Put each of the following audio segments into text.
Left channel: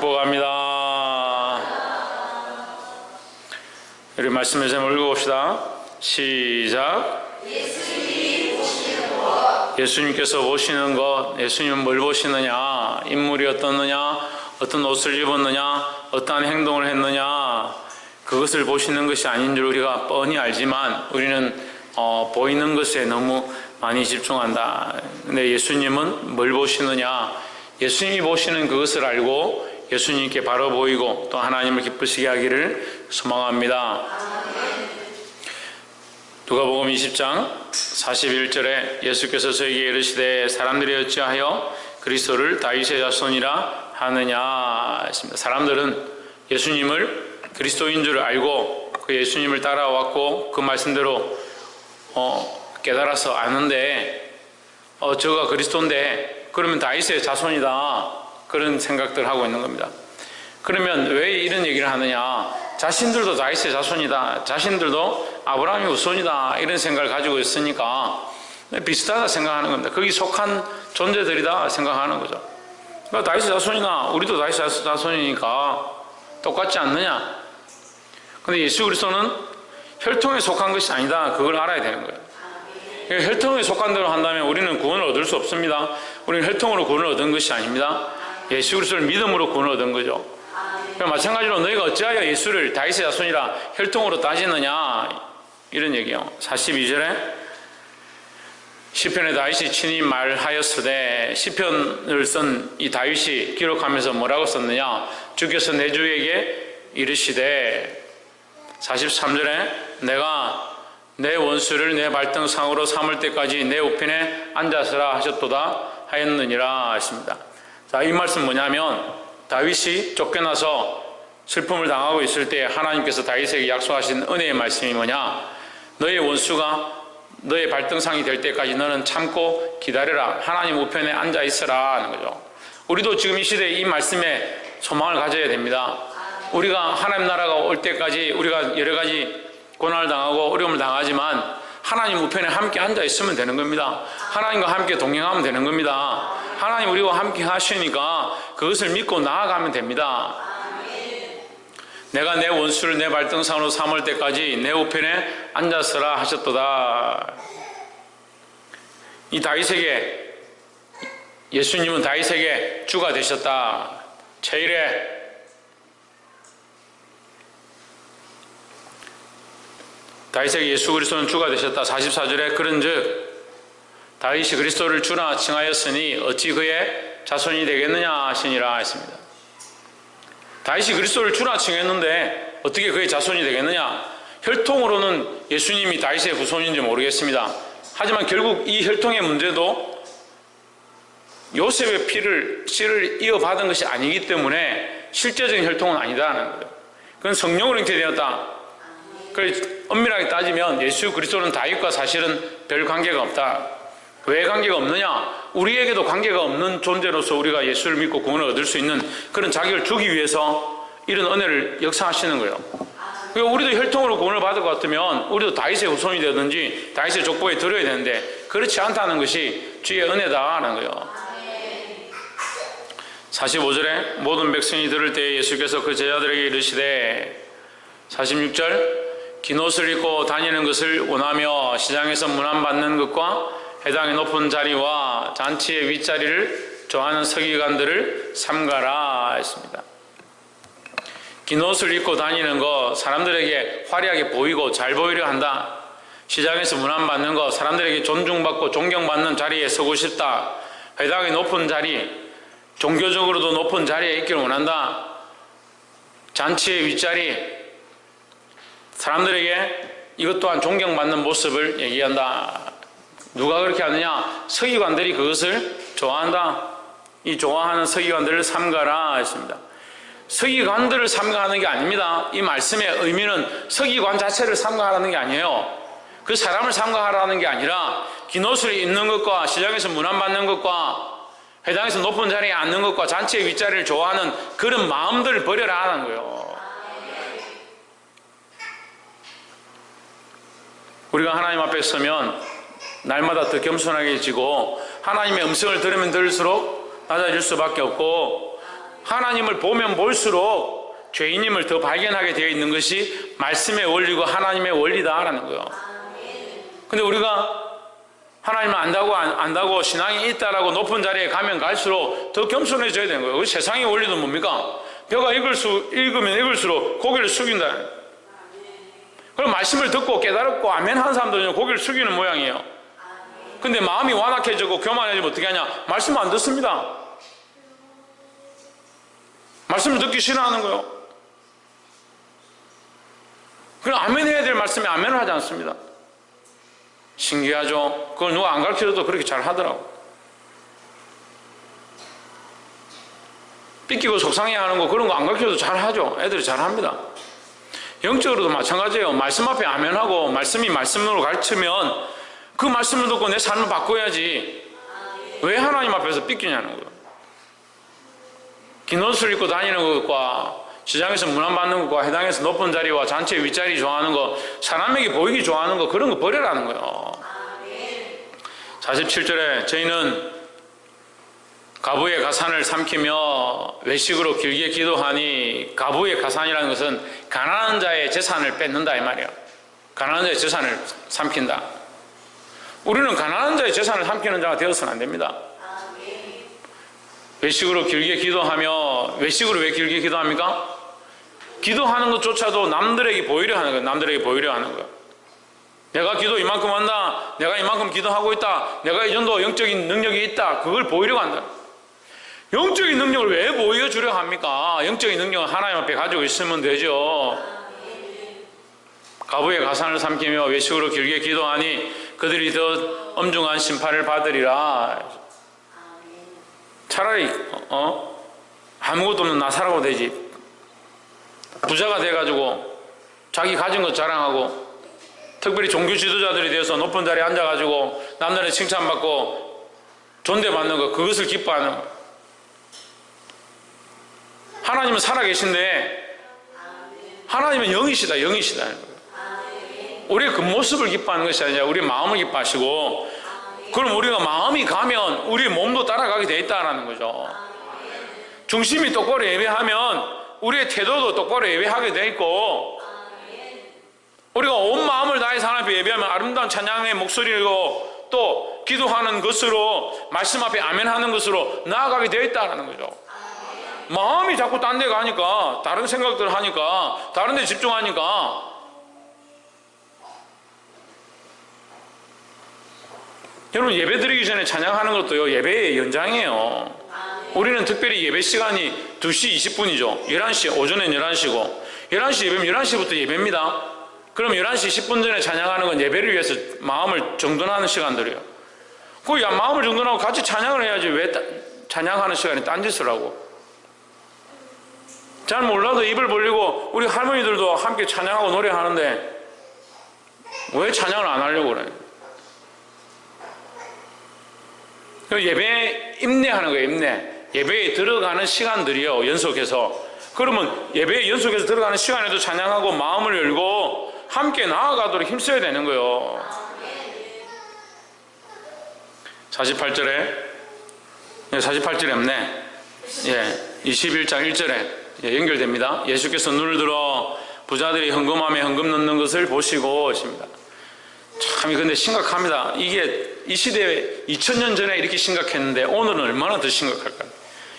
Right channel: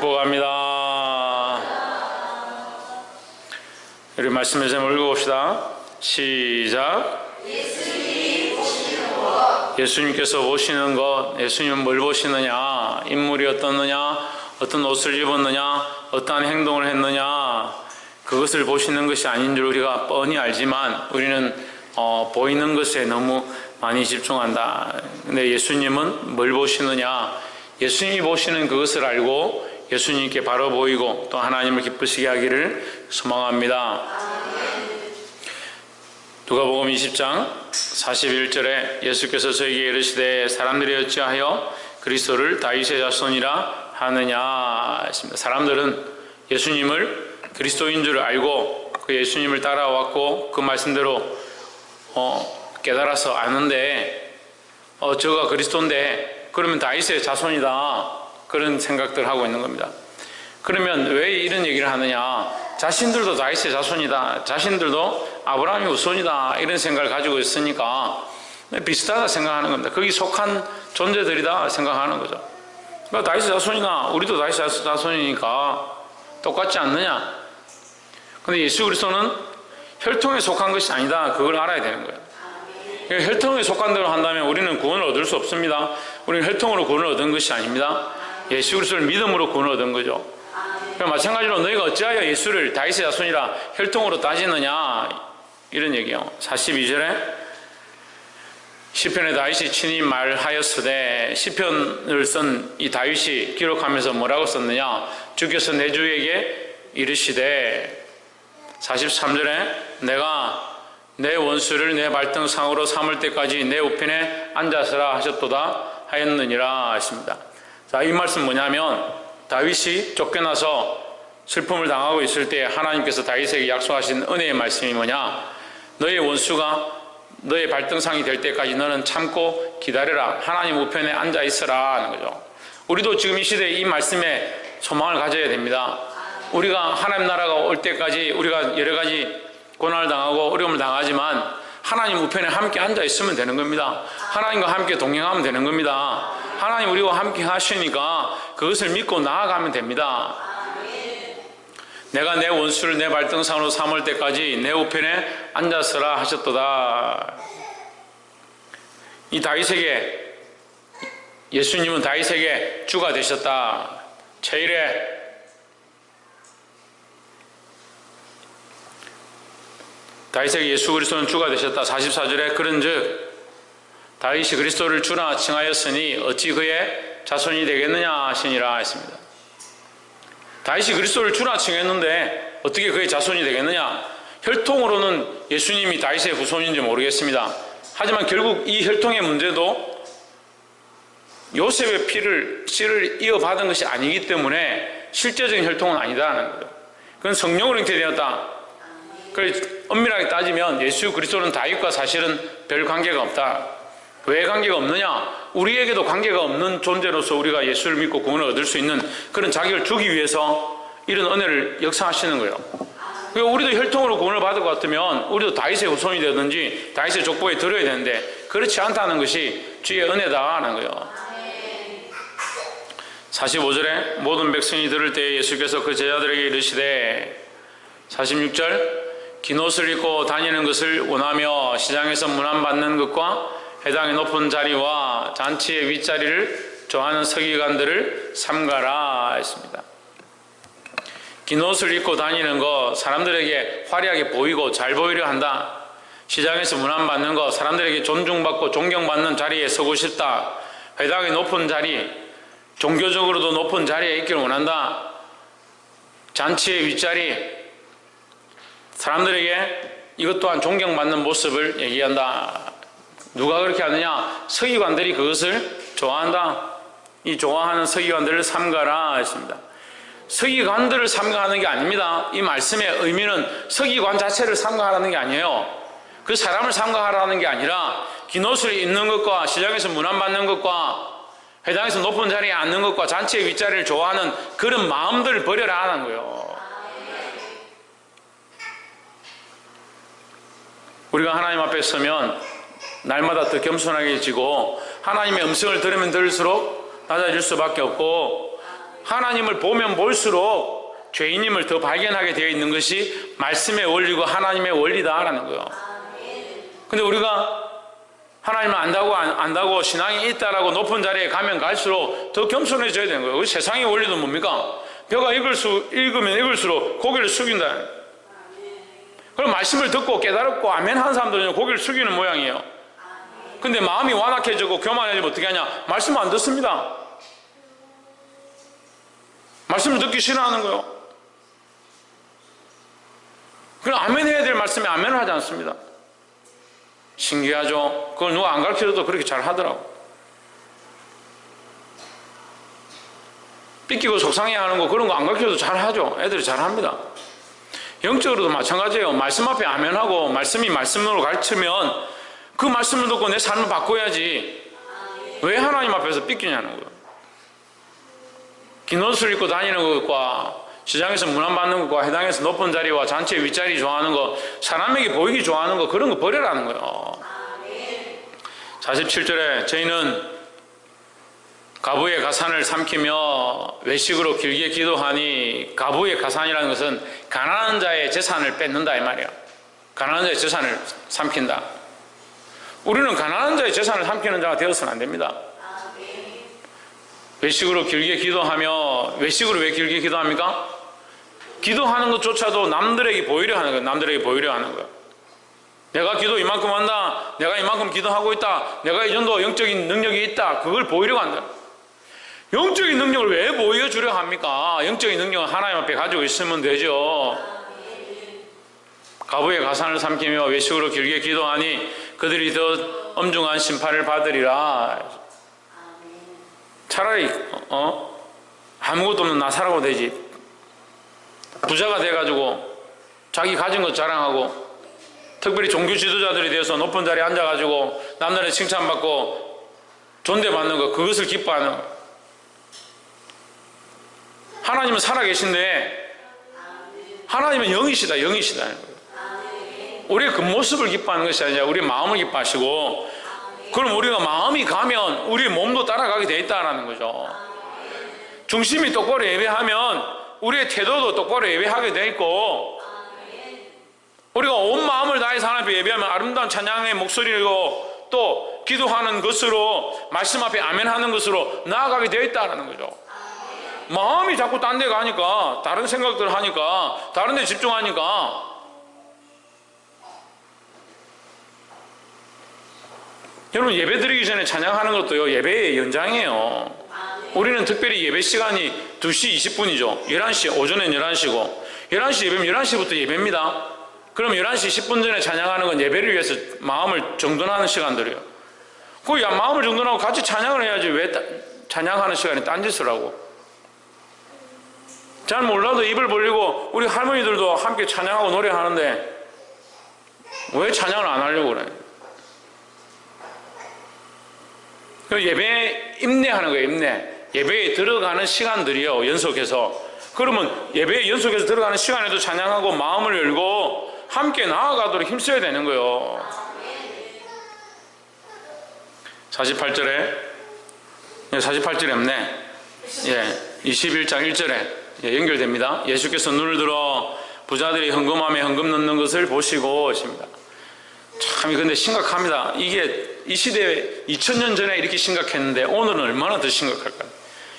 복합니다. 우리 말씀에서 읽어봅시다. 시작. 예수님께서 보시는 것, 예수님은 뭘 보시느냐? 인물이 어떻느냐? 어떤 옷을 입었느냐? 어떠한 행동을 했느냐? 그것을 보시는 것이 아닌 줄 우리가 뻔히 알지만 우리는 보이는 것에 너무 많이 집중한다. 근데 예수님은 뭘 보시느냐? 예수님이 보시는 그것을 알고 예수님께 바로 보이고 또 하나님을 기쁘시게 하기를 소망합니다. 누가복음 20장 41절에 예수께서 저에게 이르시되 사람들이 어찌하여 그리스도를 다윗의 자손이라 하느냐 했습니다. 사람들은 예수님을 그리스도인 줄 알고 그 예수님을 따라왔고 그 말씀대로 깨달아서 아는데 저가 그리스도인데 그러면 다윗의 자손이다 그런 생각들 하고 있는 겁니다. 그러면 왜 이런 얘기를 하느냐? 자신들도 다윗의 자손이다, 자신들도 아브라함의 후손이다 이런 생각을 가지고 있으니까 비슷하다 생각하는 겁니다. 거기 속한 존재들이다 생각하는 거죠. 그러니까 다윗의 자손이나 우리도 다윗의 자손이니까 똑같지 않느냐? 근데 예수 그리스도는 혈통에 속한 것이 아니다. 그걸 알아야 되는 거예요. 혈통에 속한 대로 한다면 우리는 구원을 얻을 수 없습니다. 우리는 혈통으로 구원을 얻은 것이 아닙니다. 예수 그리스도를 믿음으로 구원을 얻은 거죠. 마찬가지로 너희가 어찌하여 예수를 다윗의 자손이라 혈통으로 따지느냐 이런 얘기예요. 42절에 시편의 다윗이 친히 말하였으되 시편을 쓴 이 다윗이 기록하면서 뭐라고 썼느냐? 주께서 내 주에게 이르시되 43절에 내가 내 원수를 내 발등상으로 삼을 때까지 내 우편에 앉아서라 하셨도다 하였느니라 했습니다. 자, 이 말씀 뭐냐면 다윗이 쫓겨나서 슬픔을 당하고 있을 때 하나님께서 다윗에게 약속하신 은혜의 말씀이 뭐냐? 너의 원수가 너의 발등상이 될 때까지 너는 참고 기다려라. 하나님 우편에 앉아 있어라 하는 거죠. 우리도 지금 이 시대에 이 말씀에 소망을 가져야 됩니다. 우리가 하나님 나라가 올 때까지 우리가 여러 가지 고난을 당하고 어려움을 당하지만 하나님 우편에 함께 앉아 있으면 되는 겁니다. 하나님과 함께 동행하면 되는 겁니다. 하나님 우리와 함께 하시니까 그것을 믿고 나아가면 됩니다. 내가 내 원수를 내 발등상으로 삼을 때까지 내 우편에 앉았으라 하셨도다. 이 다윗에게 예수님은 다윗에게 주가 되셨다. 제1의 다윗에게 예수 그리스도는 주가 되셨다. 44절에 그런즉 다윗이 그리스도를 주나 칭하였으니 어찌 그의 자손이 되겠느냐 하시니라 했습니다. 다윗이 그리스도를 주나 칭했는데 어떻게 그의 자손이 되겠느냐? 혈통으로는 예수님이 다윗의 후손인지 모르겠습니다. 하지만 결국 이 혈통의 문제도 요셉의 씨를 이어받은 것이 아니기 때문에 실제적인 혈통은 아니다는 거죠. 그건 성령으로 잉태되었다. 그래서 엄밀하게 따지면 예수 그리스도는 다윗과 사실은 별 관계가 없다. 왜 관계가 없느냐? 우리에게도 관계가 없는 존재로서 우리가 예수를 믿고 구원을 얻을 수 있는 그런 자격을 주기 위해서 이런 은혜를 역사하시는 거예요. 그러니까 우리도 혈통으로 구원을 받을 것 같으면 우리도 다윗의 후손이 되든지 다윗의 족보에 들어야 되는데 그렇지 않다는 것이 주의 은혜다라는 거예요. 45절에 모든 백성이 들을 때에 예수께서 그 제자들에게 이르시되 46절 긴 옷을 입고 다니는 것을 원하며 시장에서 문안받는 것과 회당의 높은 자리와 잔치의 윗자리를 좋아하는 서기관들을 삼가라 했습니다. 긴 옷을 입고 다니는 거 사람들에게 화려하게 보이고 잘 보이려 한다. 시장에서 문안받는 거 사람들에게 존중받고 존경받는 자리에 서고 싶다. 회당의 높은 자리, 종교적으로도 높은 자리에 있기를 원한다. 잔치의 윗자리, 사람들에게 이것 또한 존경받는 모습을 얘기한다. 누가 그렇게 하느냐? 서기관들이 그것을 좋아한다. 이 좋아하는 서기관들을 삼가라 했습니다. 서기관들을 삼가하는 게 아닙니다. 이 말씀의 의미는 서기관 자체를 삼가하라는 게 아니에요. 그 사람을 삼가하라는 게 아니라 긴 옷을 입는 것과 시장에서 문안받는 것과 회당에서 높은 자리에 앉는 것과 잔치의 윗자리를 좋아하는 그런 마음들을 버려라 하는 거예요. 우리가 하나님 앞에 서면 날마다 더 겸손하게 지고 하나님의 음성을 들으면 들을수록 낮아질 수밖에 없고 하나님을 보면 볼수록 죄인임을 더 발견하게 되어 있는 것이 말씀의 원리고 하나님의 원리다라는 거예요. 근데 우리가 하나님을 안다고 신앙이 있다라고 높은 자리에 가면 갈수록 더 겸손해져야 되는 거예요. 세상의 원리도 뭡니까? 벼가 익으면 익을수록 고개를 숙인다. 그럼 말씀을 듣고 깨달았고 아멘 하는 사람들은 고개를 숙이는 모양이에요. 근데 마음이 완악해지고 교만해지면 어떻게 하냐? 말씀 안 듣습니다. 말씀을 듣기 싫어하는 거예요. 그럼 아멘 해야 될 말씀에 아멘을 하지 않습니다. 신기하죠? 그걸 누가 안 가르쳐줘도 그렇게 잘 하더라고. 삐끼고 속상해하는 거 그런 거 안 가르쳐도 잘 하죠. 애들이 잘 합니다. 영적으로도 마찬가지예요. 말씀 앞에 아멘하고 말씀이 말씀으로 가르치면 그 말씀을 듣고 내 삶을 바꿔야지. 왜 하나님 앞에서 삐끼냐는 거예요. 긴 옷을 입고 다니는 것과 시장에서 문안받는 것과 해당해서 높은 자리와 잔치 윗자리 좋아하는 거, 사람에게 보이기 좋아하는 거, 그런 거 버려라는 거예요. 47절에 저희는 가부의 가산을 삼키며 외식으로 길게 기도하니, 가부의 가산이라는 것은 가난한 자의 재산을 뺏는다 이 말이에요. 가난한 자의 재산을 삼킨다. 우리는 가난한 자의 재산을 삼키는 자가 되어서는 안 됩니다. 외식으로 길게 기도하며, 외식으로 왜 길게 기도합니까? 기도하는 것조차도 남들에게 보이려 하는 거예요. 남들에게 보이려 하는 거예요. 내가 기도 이만큼 한다, 내가 이만큼 기도하고 있다, 내가 이 정도 영적인 능력이 있다, 그걸 보이려고 한다. 영적인 능력을 왜 보여주려 합니까? 영적인 능력은 하나님 앞에 가지고 있으면 되죠. 가부의 가산을 삼키며 외식으로 길게 기도하니 그들이 더 엄중한 심판을 받으리라. 차라리 아무것도 없는 나사라고 되지. 부자가 돼가지고 자기 가진 것 자랑하고, 특별히 종교 지도자들이 되어서 높은 자리에 앉아가지고 남들의 칭찬받고 존대받는 것, 그것을 기뻐하는 것. 하나님은 살아계신데 하나님은 영이시다. 우리의 그 모습을 기뻐하는 것이 아니라 우리의 마음을 기뻐하시고, 그럼 우리가 마음이 가면 우리의 몸도 따라가게 돼 있다는 거죠. 중심이 똑바로 예배하면 우리의 태도도 똑바로 예배하게 돼 있고, 우리가 온 마음을 다해서 하나님 앞에 예배하면 아름다운 찬양의 목소리로 또 기도하는 것으로, 말씀 앞에 아멘하는 것으로 나아가게 되어 있다는 거죠. 마음이 자꾸 딴 데 가니까, 다른 생각들 하니까, 다른 데 집중하니까, 여러분 예배 드리기 전에 찬양하는 것도요, 예배의 연장이에요. 우리는 특별히 예배 시간이 2시 20분이죠. 11시, 오전엔 11시고, 11시 예배면 11시부터 예배입니다. 그럼 11시 10분 전에 찬양하는 건 예배를 위해서 마음을 정돈하는 시간들이에요. 그 마음을 정돈하고 같이 찬양을 해야지 왜 찬양하는 시간에 딴짓을 하고. 잘 몰라도 입을 벌리고 우리 할머니들도 함께 찬양하고 노래하는데 왜 찬양을 안 하려고 그래? 예배에 임내하는 거예요. 임내. 예배에 들어가는 시간들이요, 연속해서. 그러면 예배에 연속해서 들어가는 시간에도 찬양하고 마음을 열고 함께 나아가도록 힘써야 되는 거예요. 48절에 48절에 없네. 21장 1절에 연결됩니다. 예수께서 눈을 들어 부자들이 헌금함에 헌금 넣는 것을 보시고 하십니다. 참 근데 심각합니다. 이게 이 시대에 2000년 전에 이렇게 심각했는데 오늘은 얼마나 더 심각할까요?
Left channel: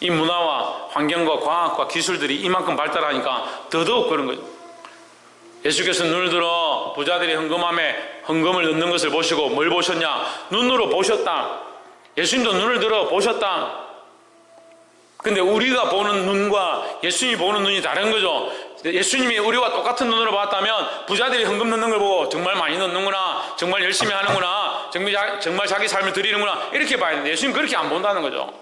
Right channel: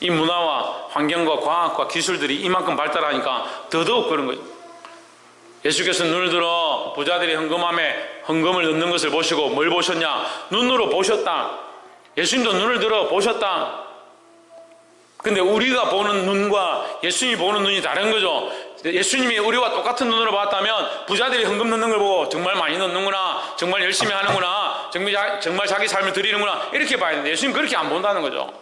이 문화와 환경과 과학과 기술들이 이만큼 발달하니까 더더욱 그런 거죠. 예수께서 눈을 들어 부자들이 헌금함에 헌금을 넣는 것을 보시고, 뭘 보셨냐? 눈으로 보셨다. 예수님도 눈을 들어 보셨다. 근데 우리가 보는 눈과 예수님이 보는 눈이 다른 거죠. 예수님이 우리와 똑같은 눈으로 봤다면 부자들이 헌금 넣는 걸 보고 정말 많이 넣는구나, 정말 열심히 하는구나, 정말 자기 삶을 드리는구나, 이렇게 봐야 되는데 예수님 그렇게 안 본다는 거죠.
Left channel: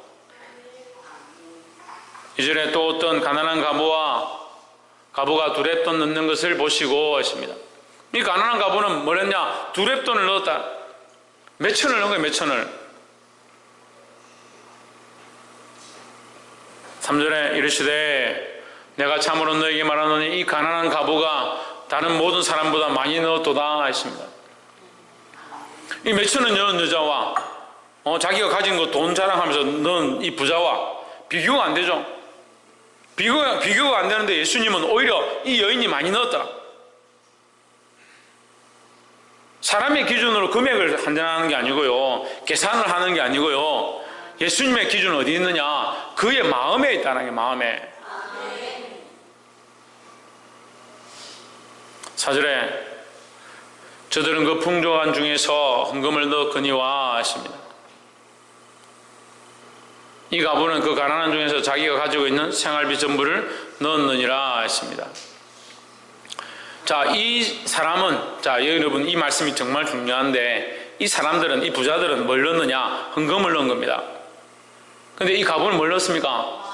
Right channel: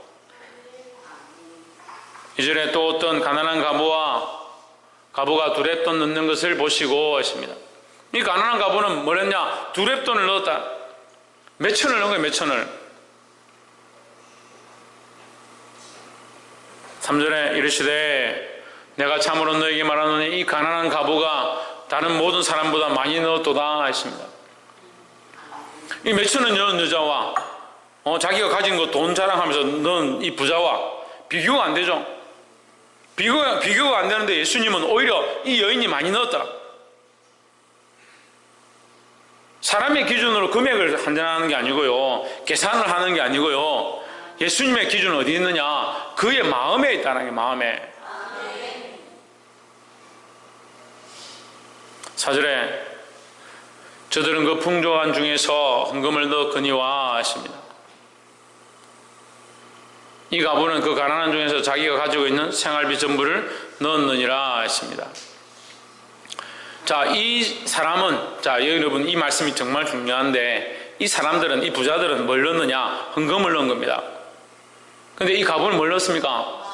이전에 또 어떤 가난한 가부가 두렙돈 넣는 것을 보시고 하십니다. 이 가난한 가부는 뭘 했냐? 두렙돈을 넣었다. 몇 천을 넣은 거예요. 몇 천을. 3절에 이르시되 내가 참으로 너에게 말하노니 이 가난한 가부가 다른 모든 사람보다 많이 넣었도다 하십니다. 이 몇 천을 넣은 여자와 자기가 가진 거 돈 자랑하면서 넣은 이 부자와 비교가 안 되죠. 비교가 안 되는데 예수님은 오히려 이 여인이 많이 넣었더라. 사람의 기준으로 금액을 환전하는 게 아니고요, 계산을 하는 게 아니고요, 예수님의 기준은 어디 있느냐? 그의 마음에 있다는 게, 마음에. 4절에 저들은 그 풍족한 중에서 헌금을 넣거니와 했습니다. 이 가부는 그 가난한 중에서 자기가 가지고 있는 생활비 전부를 넣었느니라 했습니다. 자, 이 사람은, 자, 여러분, 이 말씀이 정말 중요한데, 이 사람들은, 이 부자들은 뭘 넣느냐? 헌금을 넣은 겁니다. 근데 이 가부는 뭘 넣었습니까?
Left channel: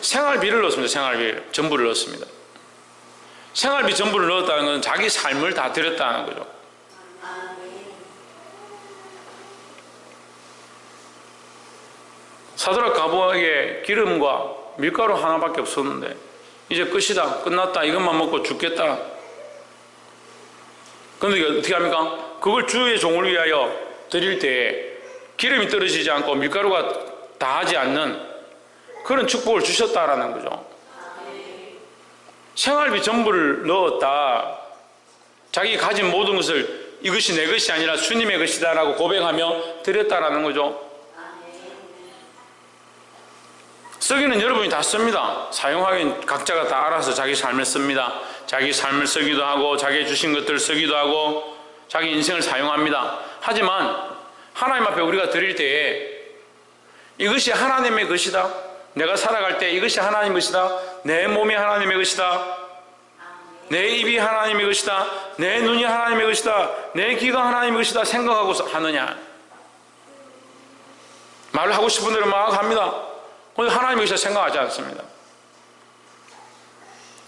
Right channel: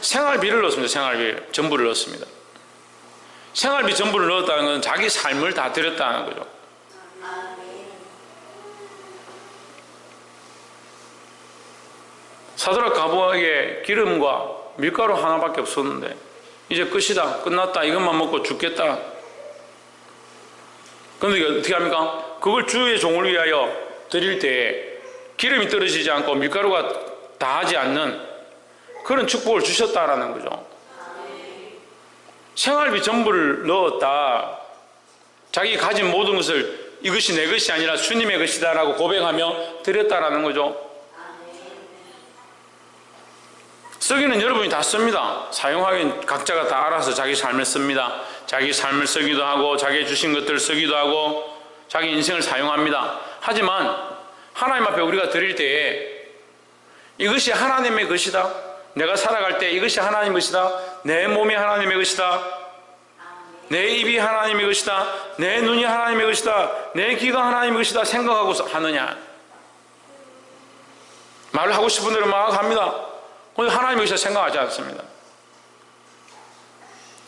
생활비를 넣었습니다. 생활비 전부를 넣었습니다. 생활비 전부를 넣었다는 건 자기 삶을 다 드렸다는 거죠. 사드락 가부에게 기름과 밀가루 하나밖에 없었는데 이제 끝이다, 끝났다, 이것만 먹고 죽겠다. 그런데 어떻게 합니까? 그걸 주의 종을 위하여 드릴 때 기름이 떨어지지 않고 밀가루가 다하지 않는 그런 축복을 주셨다라는 거죠. 생활비 전부를 넣었다. 자기 가진 모든 것을 이것이 내 것이 아니라 주님의 것이다 라고 고백하며 드렸다라는 거죠. 쓰기는 여러분이 다 씁니다. 사용하기는 각자가 다 알아서 자기 삶을 씁니다. 자기 삶을 쓰기도 하고 자기 주신 것들을 쓰기도 하고 자기 인생을 사용합니다. 하지만 하나님 앞에 우리가 드릴 때에 이것이 하나님의 것이다, 내가 살아갈 때 이것이 하나님의 것이다, 내 몸이 하나님의 것이다, 내 입이 하나님의 것이다, 내 눈이 하나님의 것이다, 내 귀가 하나님의 것이다 생각하고 하느냐? 말을 하고 싶은 대로 막 합니다. 근데 하나님의 것이다 생각하지 않습니다.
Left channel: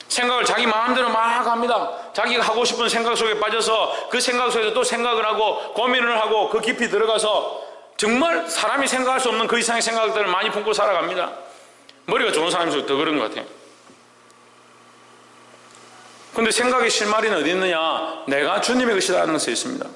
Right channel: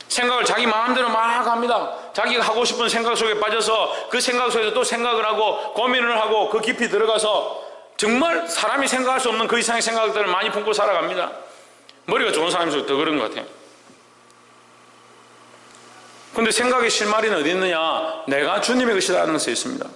생각을 자기 마음대로 막 합니다. 자기가 하고 싶은 생각 속에 빠져서 그 생각 속에서 또 생각을 하고 고민을 하고 그 깊이 들어가서 정말 사람이 생각할 수 없는 그 이상의 생각들을 많이 품고 살아갑니다. 머리가 좋은 사람일수록 더 그런 것 같아요. 근데 생각의 실마리는 어디 있느냐? 내가 주님의 것이라는 것에 있습니다.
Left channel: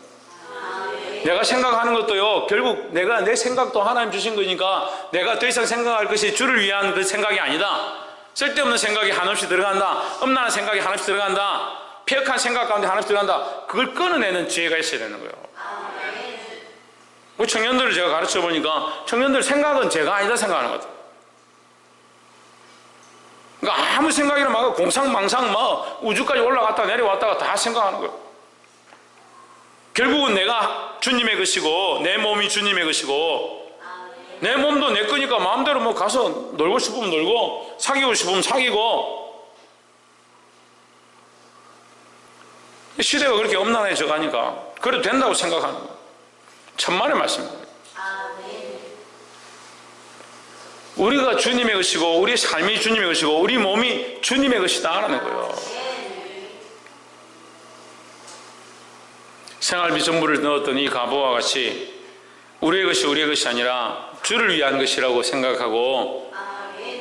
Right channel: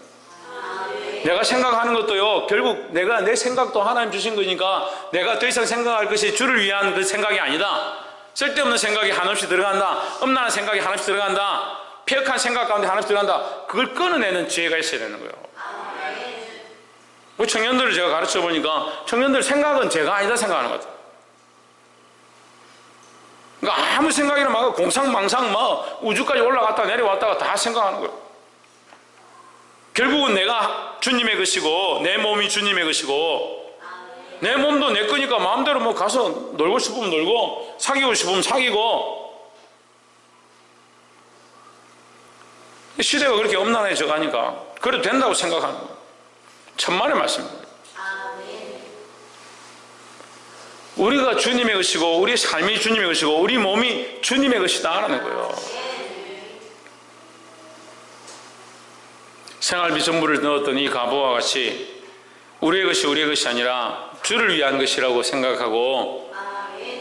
내가 생각하는 것도요, 결국 내가 내 생각도 하나님 주신 거니까 내가 더 이상 생각할 것이 주를 위한 그 생각이 아니다. 쓸데없는 생각이 한없이 들어간다, 음란한 생각이 한없이 들어간다, 폐역한 생각 가운데 한없이 들어간다. 그걸 끊어내는 지혜가 있어야 되는 거예요. 그 청년들을 제가 가르쳐 보니까 청년들 생각은 제가 아니다 생각하는 것 같아요. 그러니까 아무 생각이나 막 공상망상 막 우주까지 올라갔다 내려왔다가 다 생각하는 거예요. 결국은 내가 주님의 것이고 내 몸이 주님의 것이고 내 몸도 내 거니까 마음대로 뭐 가서 놀고 싶으면 놀고 사귀고 싶으면 사귀고, 시대가 그렇게 엄난해져 가니까 그래도 된다고 생각하는 거예요. 천만의 말씀입니다. 우리가 주님의 것이고 우리의 삶이 주님의 것이고 우리 몸이 주님의 것이다 라는 거예요. 생활비 전부를 넣었던 이 가부와 같이 우리의 것이 우리의 것이 아니라 주를 위한 것이라고 생각하고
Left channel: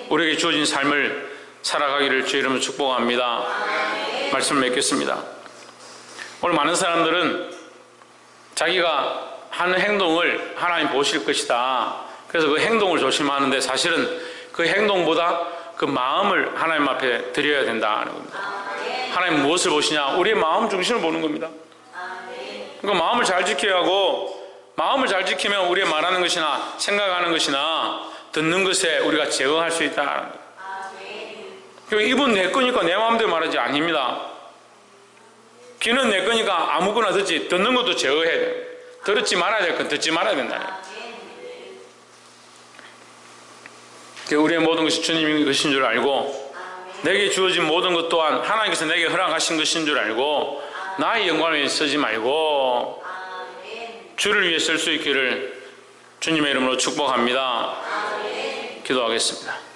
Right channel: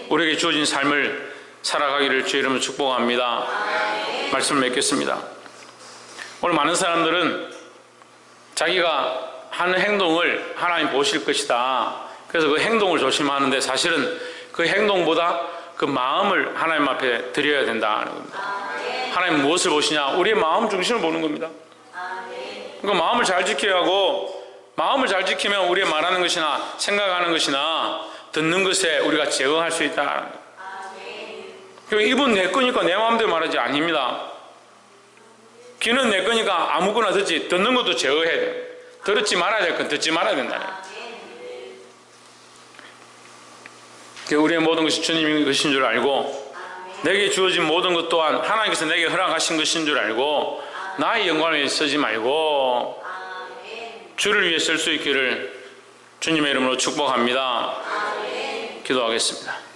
우리에게 주어진 삶을 살아가기를 주의 이름으로 축복합니다. 말씀을 맺겠습니다. 오늘 많은 사람들은 자기가 하는 행동을 하나님 보실 것이다, 그래서 그 행동을 조심하는데 사실은 그 행동보다 그 마음을 하나님 앞에 드려야 된다는 겁니다. 하나님 무엇을 보시냐? 우리의 마음 중심을 보는 겁니다. 그러니까 마음을 잘 지켜야 하고, 마음을 잘 지키면 우리의 말하는 것이나 생각하는 것이나 듣는 것에 우리가 제어할 수 있다. 입은 내 거니까 내 마음대로 말하지 아닙니다. 귀는 내 거니까 아무거나 듣지, 듣는 것도 제어해야 돼요. 들었지 말아야 될 건 듣지 말아야 된다. 우리의 모든 것이 주님의 것인 줄 알고 내게 주어진 모든 것 또한 하나님께서 내게 허락하신 것인 줄 알고 나의 영광을 위해 쓰지 말고 주를 위해 쓸 수 있기를 주님의 이름으로 축복합니다. 기도하겠습니다.